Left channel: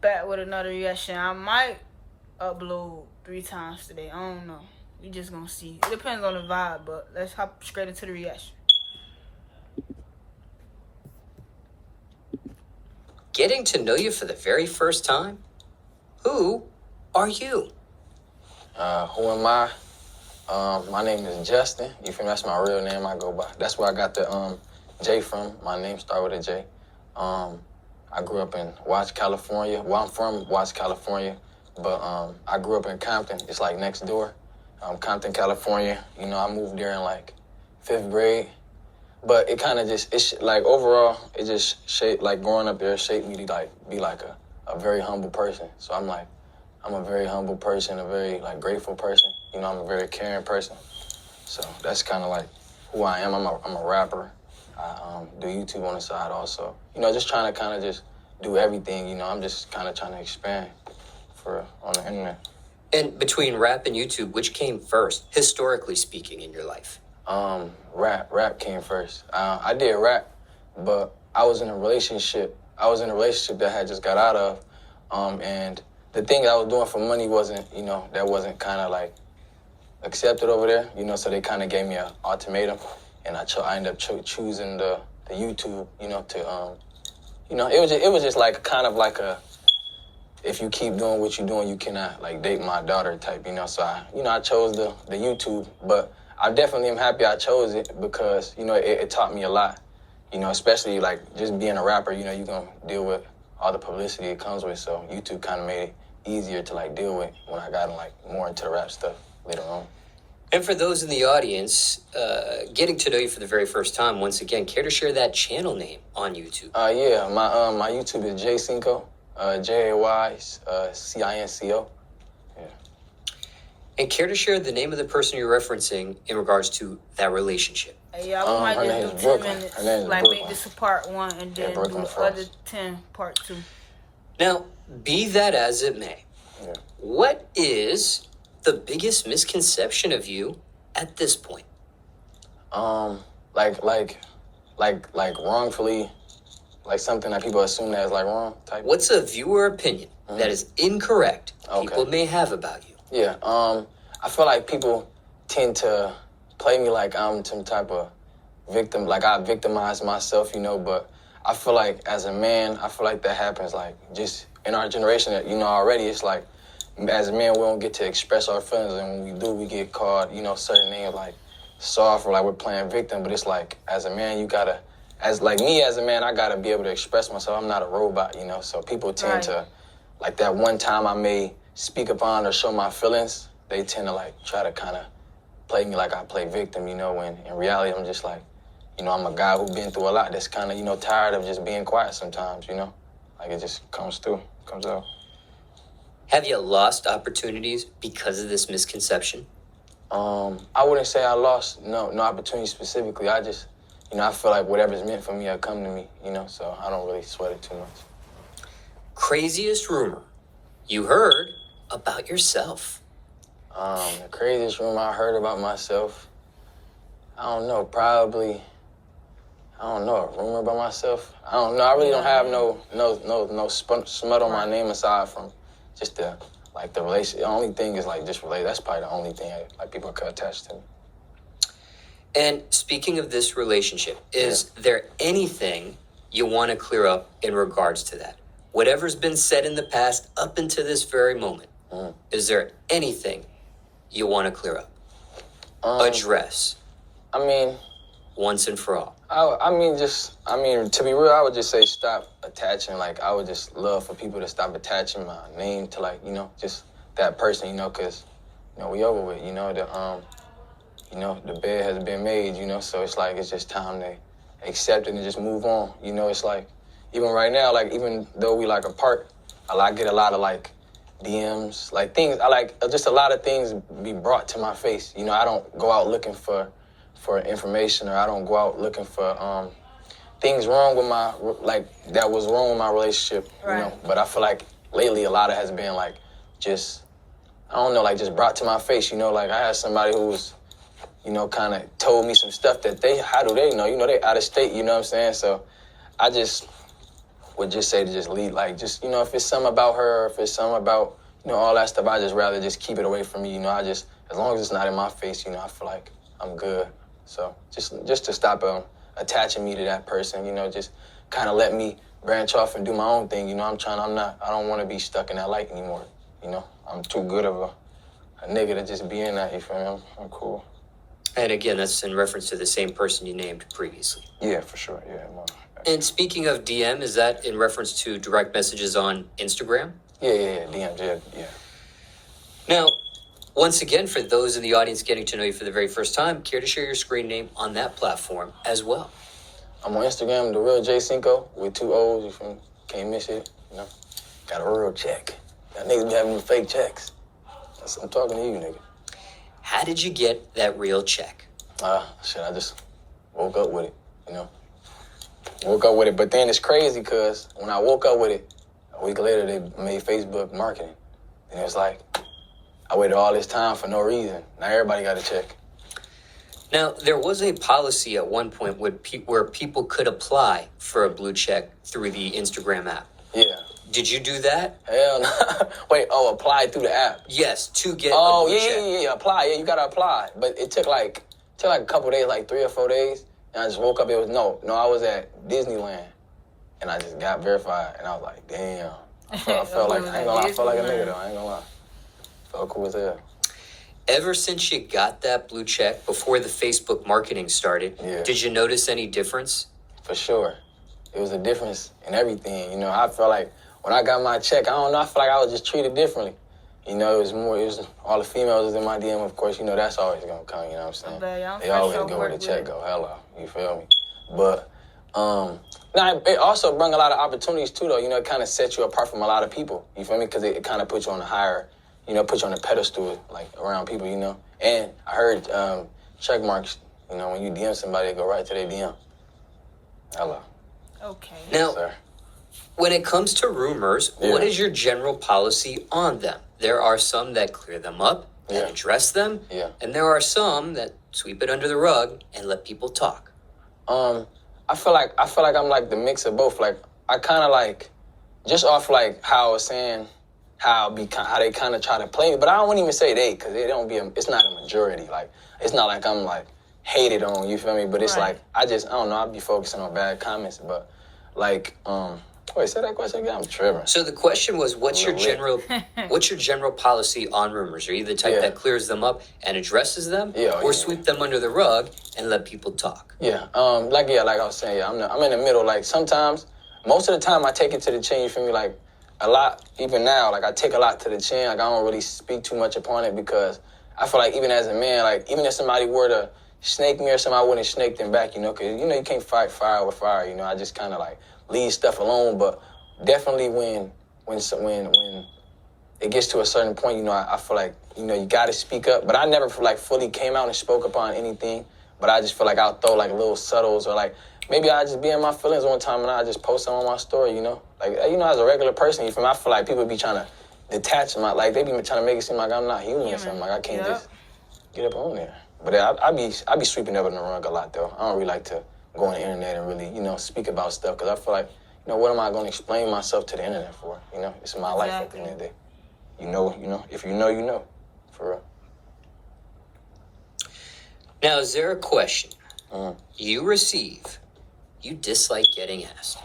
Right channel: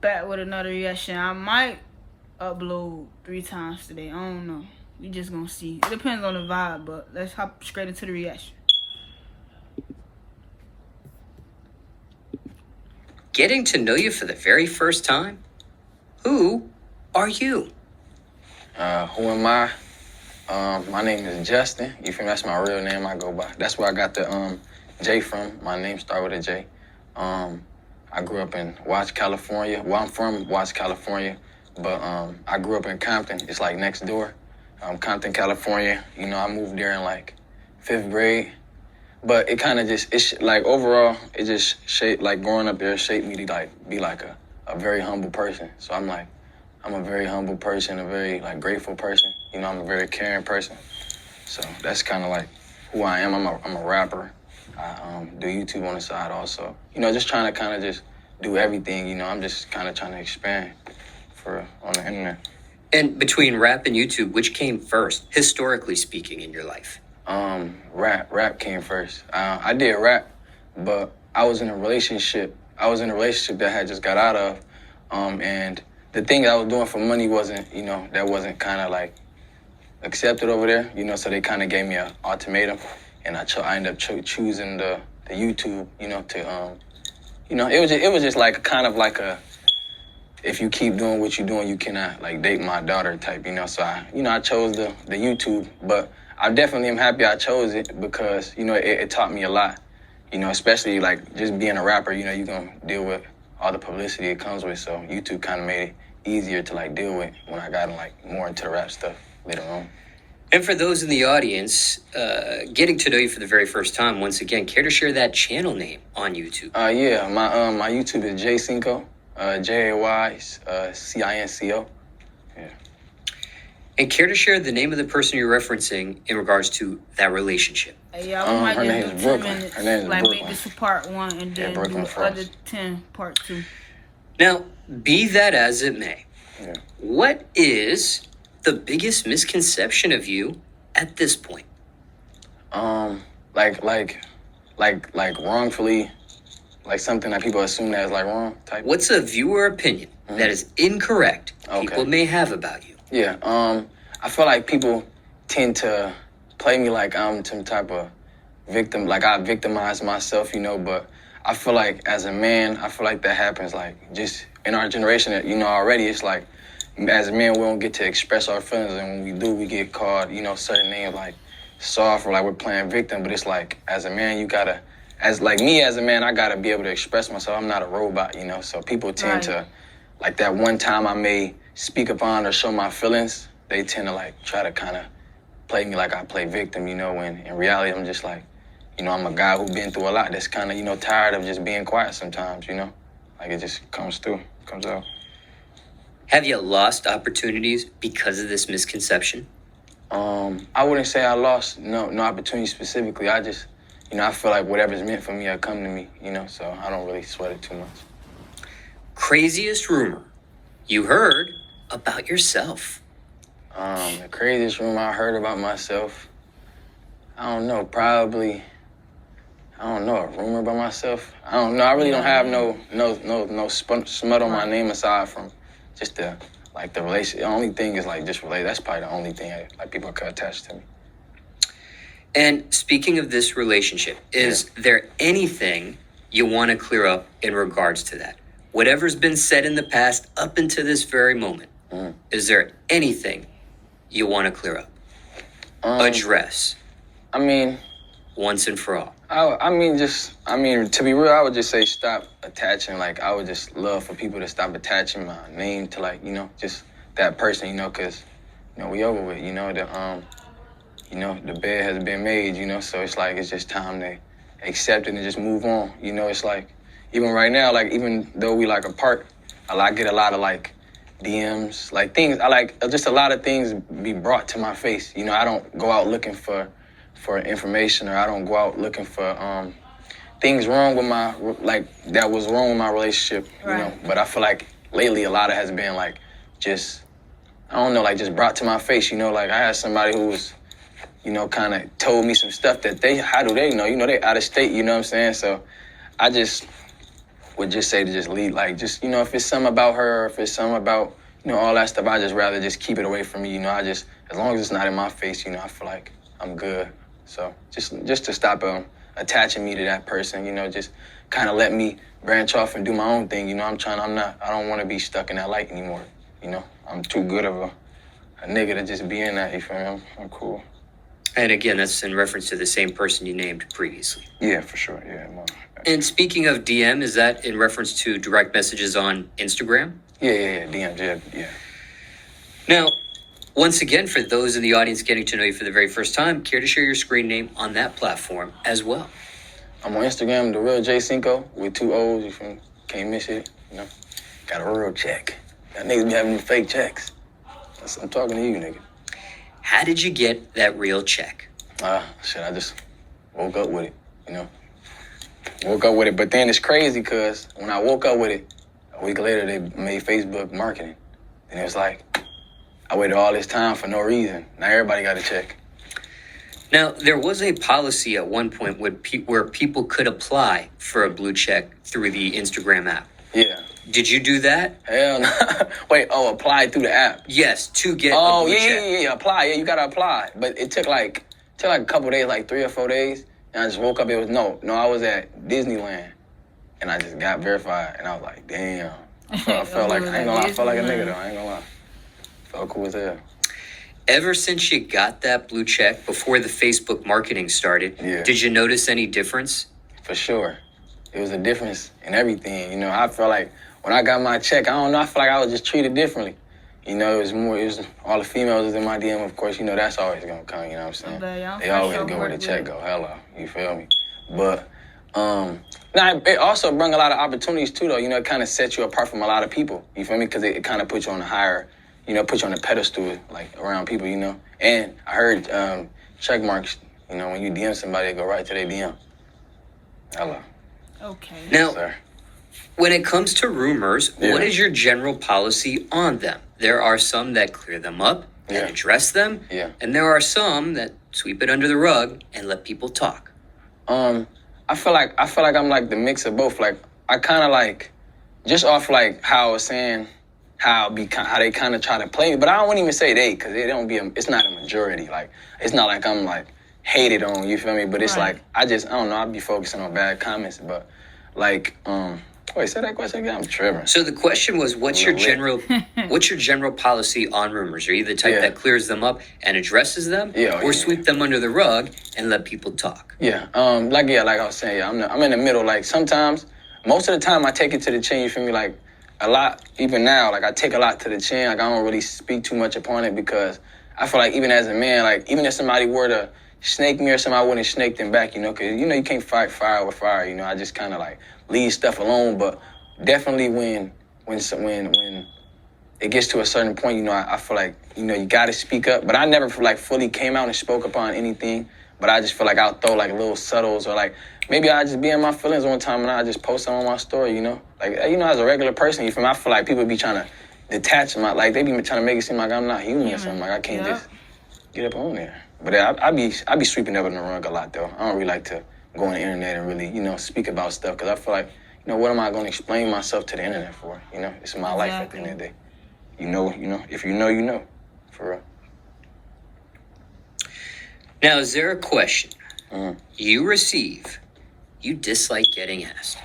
back with another reaction. I might upload 3 times today. I don't know. We just gonna see. It depends on the vibe, but let's hop straight into the reaction. Getting to know you for the very first time? Who are you? Who am I? My name is Justin. You feel me? That's my real name I go by. That's where I got the J from. My name started with a J. I grew up in Watts, California. Well, I'm from Watts, California, but I grew up in Compton. It's like next door. Compton, California. You know, I moved there in like 5th grade. But it kind of just, like overall, it just shaped, like growing up there shaped me to like be like a very humble person. So I'm a very humble person, a very like grateful person. You know, I'm a very caring person. So that's kind of like who I am. I'm a rapper. I do YouTube on the side also. You know, just trying to kind of just do everything. You know, I'm just kind of trying to expand on the internet. And between rap and YouTube, which came first, historically speaking, in your life? Rap came first. I did rap, but I was in a relationship. That I had just got out of, and the thing that I was doing for money wasn't, you know, that wasn't kind of like accepted over there, you know. So they kind of gave me an ultimatum, and I ended up choosing the YouTube, you know, to you know, it was just like kind of like a, if you keep doing what you're doing, you cannot like date my daughter type, you know. So I chose the YouTube, but I definitely am happy I chose it because, you know, it taught me a lot, you know, especially like just being a rapper, you know, you're going to deal with all the publicity it comes with. So YouTube kind of made it easier to like deal with when I got like more into the rap stuff later on. And for those in the audience, getting to know you for the very first time, once again, care to share that channel name on YouTube? Yeah, my YouTube is Cinco, Jaycinco. Yeah. And care to share the name of the person you're referencing in regards to that relationship? Yeah, we might just do 10 minutes. Like Brooklyn. make this a part 1 and then do the other 10 part 2. Now, be that as it may, yeah. What is the biggest misconception of you at this point? Like wrongfully, like something that people assume that is like wrong type. What's a viewer opinion that is incorrect people may have about you? Yeah, I feel like people tend to play me like I'm some type of victim, like I victimize myself, you know, but I feel like as a man, I feel like that happens like just in our generation, you know, already it's like as a man, we don't get to express our feelings, and when we do, we get called, you know, certain names like soft or like we're playing victim, but it's like as a man, you gotta, as like me as a man, I gotta be able to express myself. I'm not a robot, you know, so people tend to, like that one time I may speak upon or show my feelings, they tend to like try to kind of play me like I play victim, you know, when in reality I'm just like, you know, I'm a guy who's been through a lot that's kind of, you know, tired of just being quiet sometimes, you know, like it just comes out. Have you lost opportunities because of this misconception? I wouldn't say I lost no opportunities specifically. I just, you know, I feel like whatever's meant for me will come to me, you know, so I don't really sweat it too much. Craziest rumor you heard about yourself? The craziest rumor I heard about myself, I don't know, probably, I don't know, a rumor about myself. I don't know. I really don't have no smut on my name aside from just the relationship. The only thing is like just related. That's probably the only thing like people could attach to me. And speaking of this relationship, is there anything you want to clear up in regards to that? Whatever's been said in the past up until this very moment, is there anything you want to clear up? Address. I mean, once and for all. I mean, to be real, I would just say stop attaching. Like, I would just love for people to stop attaching my name to, like, you know, just that person, you know, because, you know, we over with, you know, the bed has been made, you know, so it's like, it's just time to accept it and just move on. You know, it's like, even right now, like, even though we, like, apart, I get a lot of, like, DMs, like, things, just a lot of things be brought to my face. You know, I don't go out looking for information, or I don't go out looking for things wrong with that was wrong with my relationship, you know. But I feel like lately a lot of has been like just, I don't know, like just brought to my face, you know. Like I had somebody who was, you know, kind of told me some stuff that how do they know? You know, they out of state, you know what I'm saying? So I just would just say to just leave, like, just, if it's something about her, or if it's something about, all that stuff, I just rather just keep it away from me, as long as it's not in my face, I feel like I'm good. So just to stop attaching me to that person, just kind of let me branch off and do my own thing, I don't want to be stuck in that light anymore, I'm too good of a nigga to just be in that, you feel me? I'm cool. And again, that's in reference to the same person you named previously. Yeah, for sure, yeah. And speaking of DM, is that in reference to direct messages on Instagram? Yeah, DM, yeah. Now, once again, for those in the audience getting to know you for the very first time, care to share your screen name on that platform as well? I'm on Instagram, the real Cinco with 2 O's. You feel me? Can't miss it. Got a real check. That niggas be having them fake checks. I'm talking to you, nigga. How did you get that real check? I just woke up with it, Woke up with it, but then it's crazy because when I woke up with it, a week later they made Facebook marketing. And it was like, I waited all this time for no reason. Now everybody got a check. Now, there was a policy at one point where people could apply for a blue check through the Instagram app. Yeah. Did you do that? Hell no. Wait, apply through the app? Yes, to get a blue check. Yeah, apply. Yeah, you got to apply. But it took like a couple days, like 3 or 4 days. And I just woke up, it was, no, I was at Disneyland. And I just got verified. And I was like, damn. I felt like, I ain't gonna lie, I felt like a nigga though, I ain't gonna lie. Felt cool as hell. Ever since you got that blue check, before the Facebook marketing started, Did you notice any difference? For sure. It was a difference in everything. I felt like when I got my check, I don't know, I feel like I was just treated differently. It was all the females was in my DM, of course, that's always gonna come, you know what I'm saying? They always go where the check go, hello, you feel me? But, it also brought a lot of opportunities too, though, it kind of set you apart from a lot of people, you feel me? Because it kind of puts you on a higher, put you on a pedestal, like, around people, And I heard check marks, when you DM somebody, they go right to their DM. Hello. Okay. Now, when it comes to rumors, what is your general policy on them? There are some that clear them up and address them, and there are some that sweep it under the rug and let people talk. I feel like I'm like the mix of both. Like I kind of like just off like how I was saying how they kind of try to play me, but I don't even say they because it's not a majority. Like it's not like I'm like hated on. You feel me? But it's like I don't know. I be focusing on bad comments, but like wait, say that question again. I'm tripping. So the question was, what's your general policy on rumors? Are you the type that clears them up and addresses them, or sweep them under the rug and let people talk? Yeah, like I was saying, I'm in the middle. Like sometimes, most of the time, I take it to the chin. You feel me? Like a lot, even now, like I take a lot to the chin. Like I don't really speak too much upon it because I feel like even as a man, like even if somebody were to snake me or something, I wouldn't snake them back. Because you can't fight fire with fire. I just kind of like leave stuff alone, but definitely when it gets to a certain point, I feel like, you got to speak up. But I never like fully came out and spoke upon anything. But I just feel like I'll throw like little subtles or like maybe I just be in my feelings one time and I just post them on my story, Like, as a regular person, you feel me? I feel like people be trying to detach like they be trying to make it seem like I'm not human or something. Like I can't just get up on there. But I be sweeping up in the rug a lot though. I don't really like to go on the internet and really, speak about stuff because I feel like, what am I going to explain myself to the internet for? It's my life at the end of the day. If you know, for real. Now, is there a question you receive you dislike getting asked?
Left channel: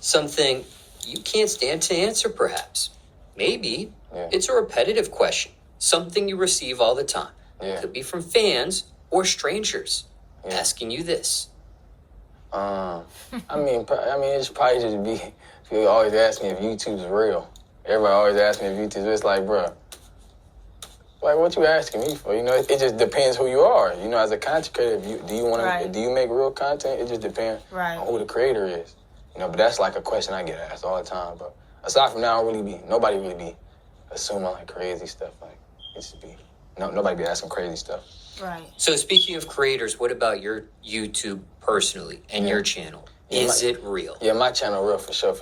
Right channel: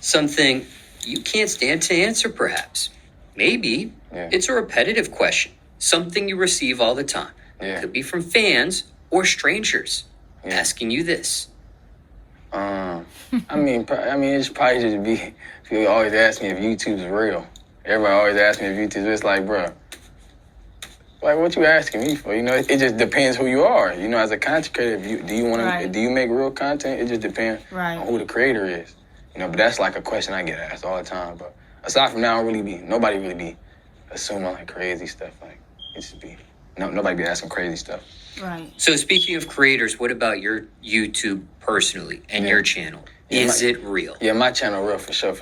Something you can't stand to answer, perhaps. Maybe it's a repetitive question, something you receive all the time. It could be from fans or strangers asking you this. I mean, it's probably just be people always ask me if YouTube's real. Everybody always asks me if YouTube's. It's like, bro, like what you asking me for? It just depends who you are. As a content creator, do you make real content? It just depends on who the creator is. But that's like a question I get asked all the time. But aside from that, nobody really be assuming like crazy stuff. Like it should be nobody be asking crazy stuff. Right. So speaking of creators, what about your YouTube personally and your channel? Is it real? Yeah, my channel real for sure.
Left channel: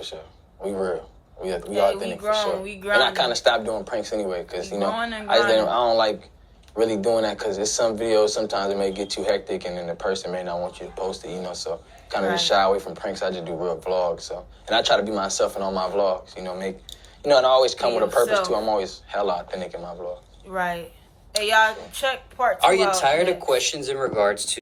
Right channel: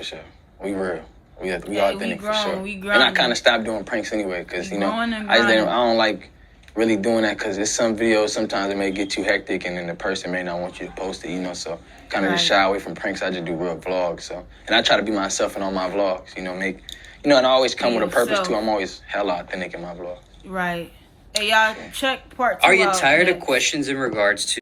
We real. We authentic for sure. We grown. And I kind of stopped doing pranks anyway because I don't like really doing that because there's some videos sometimes it may get too hectic and then the person may not want you to post it. So kind of just shy away from pranks. I just do real vlogs. So, and I try to be myself in all my vlogs. You know, and I always come with a purpose too. I'm always hella authentic in my vlog. Right. Hey, y'all, check part 2 Are you out tired next. of questions in regards to